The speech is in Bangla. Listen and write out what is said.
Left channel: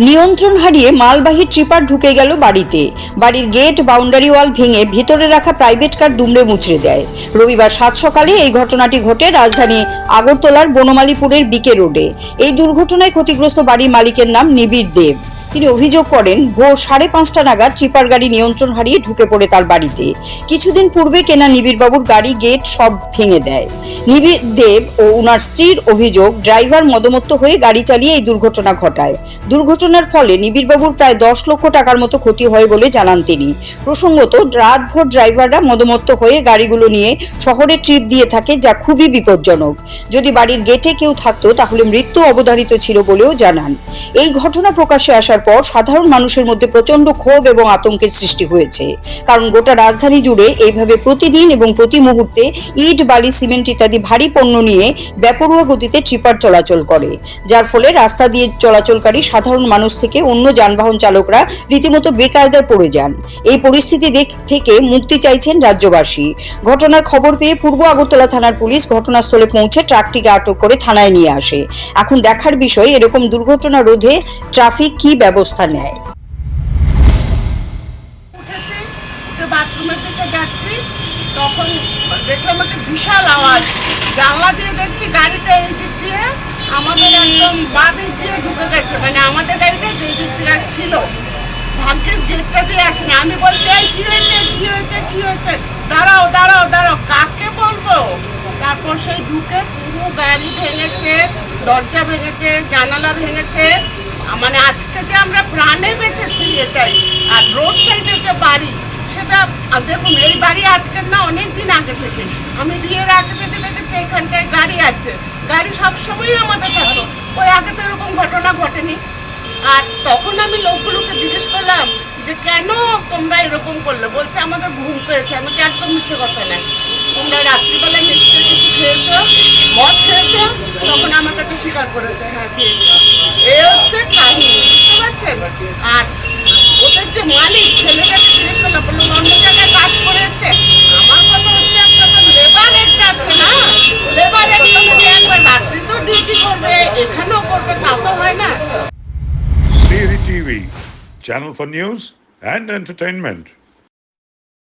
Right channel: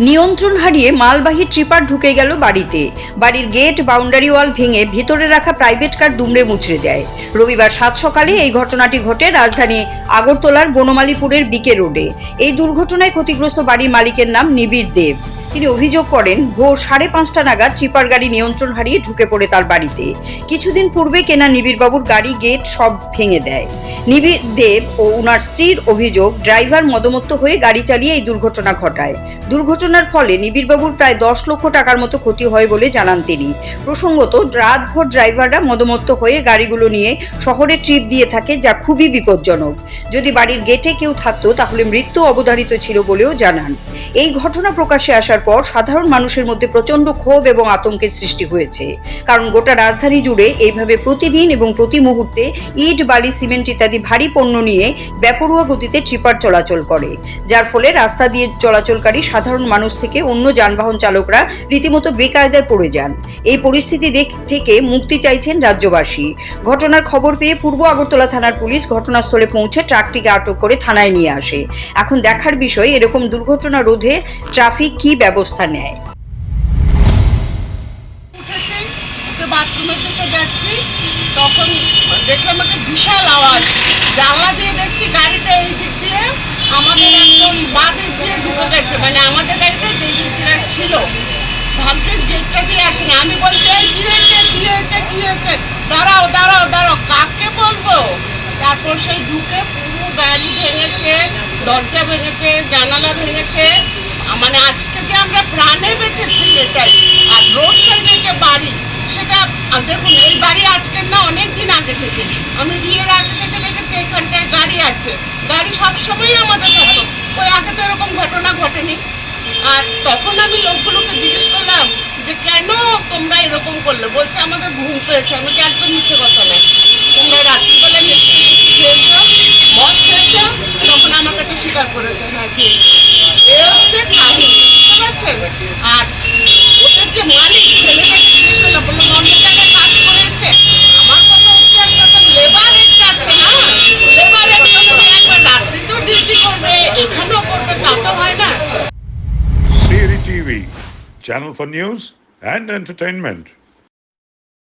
নিয়ন্ত্রণ হারিয়ে মালবাহী ট্রিপার ঢুকে গেল বাড়িতে। বাড়ির গেট বাউন্ডারি ওয়াল ভেঙে ভিতরে রাখা প্রাইভেট কার দুমড়ে মুচড়ে দেয়। রবিবার 7 সকালে এই ঘটনাটি ঘটে রাজধানী আগরতলার বনমালীপুরের বিকে রোডে। এই দুর্ঘটনায় ক্ষতিগ্রস্ত বাড়ির মালিকের নাম নিবিড় দেব। তিনি অভিযোগ করেন, ভোর 5:30 নাগাদ ট্রিপার গাড়ি নিয়ন্ত্রণ হারিয়ে ঢুকে পড়ে তার বাড়িতে। কিছুদিন পূর্বে কেনা নিবিড়বাবুর গাড়ি গেট সব ভেঙে দেয়। নিবিড় দেব ও ওনার স্ত্রীর অভিযোগ, ড্রাইভার মদমত্ত হয়ে গাড়ি চালিয়ে এই দুর্ঘটনা ঘটায়। দুর্ঘটনার ফলে নিবিড়বাবুর প্রায় 10 লক্ষ টাকার মতো ক্ষতি হয় বলে জানান তিনি। প্রসঙ্গত, রাতভর ড্রাইভাররা মদমত্ত হয়ে গাড়িগুলো নিয়ে শহরে ট্রিপ দিয়ে থাকে, যা খুবই বিপজ্জনক। যদি বাড়ির গেটে কেউ থাকতো তাহলে মৃত্যু অবধারিত ছিল বলেও জানান। এই ঘটনা প্রকাশ্যে আসার পর সাধারণ মানুষের মধ্যে প্রচন্ড ক্ষোভ এবং আতঙ্কের সৃষ্টি হয়েছে। কারণ গোটা রাজধানী জুড়ে এইভাবে প্রতিদিন এবং প্রতি মুহূর্তে ইট, বালি, সিমেন্ট ইত্যাদি ভারী পণ্য নিয়ে বেপরোয়া গতিতে ট্রিপার চলাচল করে, যার ফলে রাস্তা দিয়ে চলাচলকারী সাধারণ মানুষ থেকে অন্য যানবাহন চালকরা রীতিমতো বেকায়দায় পড়ে যান। এই পরিস্থিতি থেকে মুক্তি চাইছেন রাজ্যবাসী। ঘটনার খবর পেয়ে পূর্ব আগরতলা থানার পুলিশ ঘটনাস্থলে পৌঁছে ট্রাকটিকে আটক করে থানায় নিয়ে আসে। এখন দেখার বিষয়, এরকম দুর্ঘটনা রোধে ট্রাফিক কি ব্যবস্থা নেয়। বাথরুমের দিকে যাচ্ছি, তখন দেখলাম একটা বিশাল আওয়াজ। জানলা দিয়ে দেখছি গাড়িটা এই দিক দিয়ে আমাদের একদম বাঁ দিক দিয়ে ঢুকে গেছে, মানে আমাদের গাড়িটা যে দিক দিয়ে ছিল। ভাগ্যেশ গেটটা দিয়ে আসেনি। আমি বলছি, কি হয়েছে কি হয়েছে কি হয়েছে, দাঁড়াও দাঁড়াও দাঁড়াও, কাকে বলবো। তারপর সেই ঢুকে পুরো গাড়ি ভেঙেছে, দরজা ভেঙেছে, জানালা ভেঙেছে। মানে আজকে যে আমরা প্রাণে বেঁচেছি এটাই। আর রোড সাইডে যে বাড়ি, সেটা দেখুন, এই বাড়ি আজকের না, অনেক দিন আগে থেকে, আমি বিয়ের আগে থেকে দেখেছি এখানটায় গাড়ি আছে। গাড়ি সবসময়ই আমাদের থাকতো, ওই আগে তো এরকম ঘটনা ঘটেনি। আর তখন আমি লোকগুলোকে জিজ্ঞেস করলাম যে কেন তোমরা এরকম করলে, বলছে আমাদের ঘুম পেয়েছে। আমি কি, একদম মিথ্যে কথা নাই, তোমরা রাত্রিবেলা নিশ্চয়ই কিছু খেয়েছো, মদ খেয়েছো। তখন আমার কাছে স্বীকার করেছে, হ্যাঁ খেয়েছি। এ হচ্ছে কাহিনী, বুঝতে পারছেন। আর ওদের যে মালিক, ছেলেটাকে জিজ্ঞেস করলাম, বললো অন্য জায়গায় কাজ করে এসছে। আমার কথা হচ্ছে, একটা তো লেবার রেট আছে না, লেবার রেট যদি একবার রাত্রি তো ডিউটি করবে, এখানেও করবে, তা তো হয় না। Siri TV, channel for news and entertainment.